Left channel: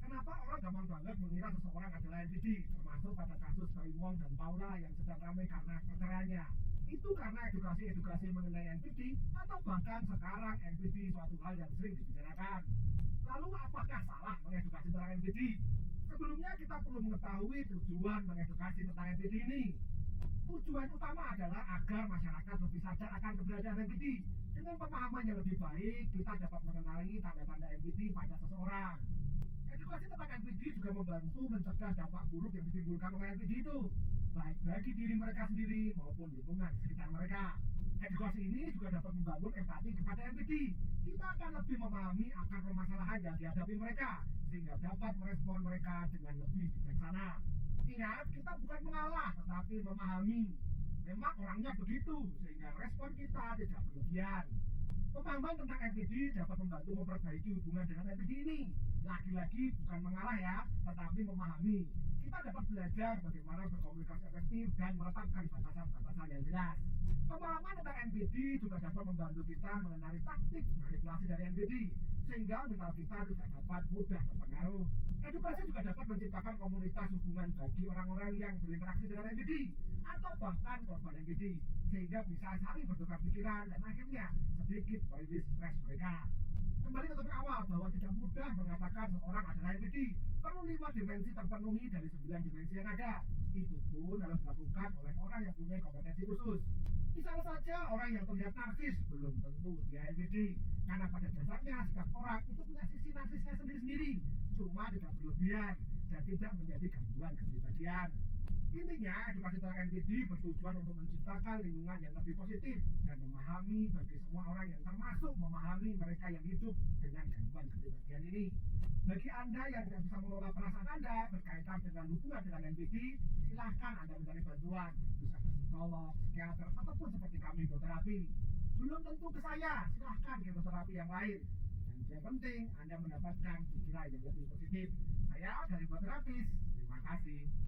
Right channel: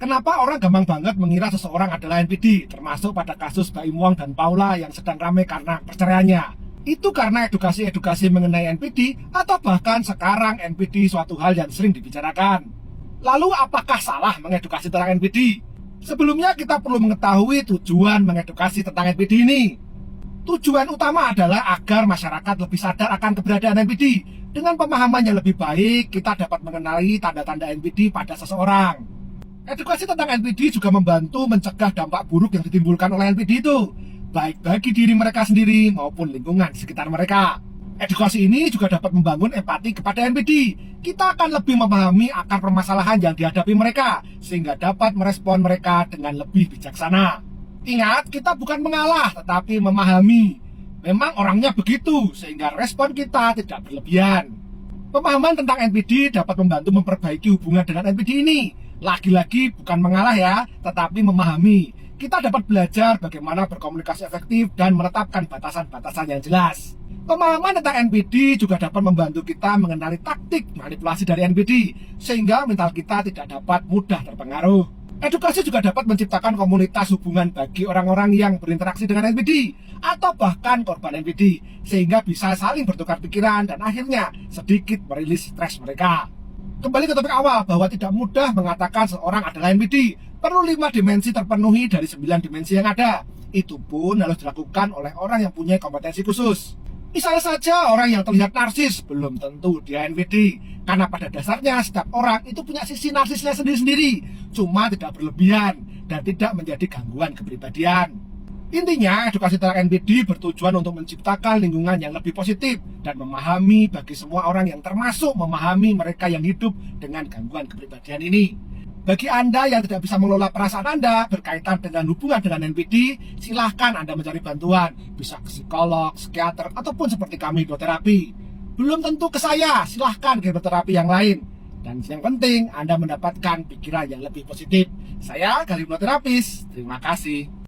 Kenapa orang gampang banget mengira seseorang adalah NPD, termasuk pada kasus Baim Wong dan Paula yang sedang ramai karena perceraiannya? Itu karena edukasi-edukasi mengenai NPD atau bahkan sekarang NPD suatu hal yang sering dibicarakan. Lalu apakah salah mengedukasi tentang NPD? Sebelumnya kita perlu mengetahui tujuan mengedukasi tentang NPD ini. Tujuan utama adalah agar masyarakat lebih sadar akan keberadaan NPD. Dengan pemahaman yang lebih baik, kita dapat mengenali tanda-tanda NPD pada seseorang. Edukasi tentang NPD juga membantu mencegah dampak buruk yang ditimbulkan oleh NPD itu, baik bagi diri mereka sendiri maupun lingkungan sekitar mereka. Edukasi ini juga dapat membangun empati kepada NPD. Kita akan lebih memahami akar permasalahan yang dihadapi mereka, sehingga dapat merespon mereka dengan lebih bijaksana. Ingat, kita bukan mengalah, tetapi memahami. Memang orangnya begitu, sehingga respon kita tidak berlebihan. Pemahaman tentang NPD dapat membantu memperbaiki hubungan dengan NPD ini. Lagi-lagi bukan mengalah ya, tetapi memahami. Kita dapat belajar bagaimana berkomunikasi efektif dan menetapkan batasan-batasan yang jelas. Pemahaman tentang NPD juga dapat membantu kita mengenali taktik manipulasi dari NPD, sehingga mental kita tidak dapat mudah terpengaruh. Edukasi juga dapat menciptakan komunitas hubungan bagi orang-orang yang berinteraksi dengan NPD atau bahkan korban NPD, sehingga bisa saling bertukar pikiran dan akhirnya sedikit merilis stres mereka. Kembali ke topik awal bahwa tidak mudah mengatakan seorang adalah NPD. Perlu 5 dimensi terpenuhi dari 9 dimensi yang ada. Itu pun harus dilakukan oleh orang yang punya kompetensi khusus. Misalnya saja orang yang terlihat narsis, belum tentu dia NPD. Karena pada dasarnya setiap orang itu punya sisi narsisnya sendiri-sendiri, cuma tidak berlebihan dan tidak menjadi gangguan kepribadian. Intinya, edukasi tentang NPD bertujuan untuk menciptakan lingkungan yang lebih positif dan memahami bagi semua orang yang termasuk memahami mereka yang hidup dengan gangguan kepribadian ini. Bagi Anda yang tidak bisa mengelola perasaan Anda berkaitan dengan hubungan dengan NPD, silahkan Anda mencari bantuan, bisa ke psikolog, psikiater, ataupun seperti kami hipnoterapi. Belum tentu ke saya, silahkan ke hipnoterapi yang lain. Dan yang penting, Anda mendapatkan pikiran yang lebih positif. Saya Gali Hipnoterapis, terima kasih.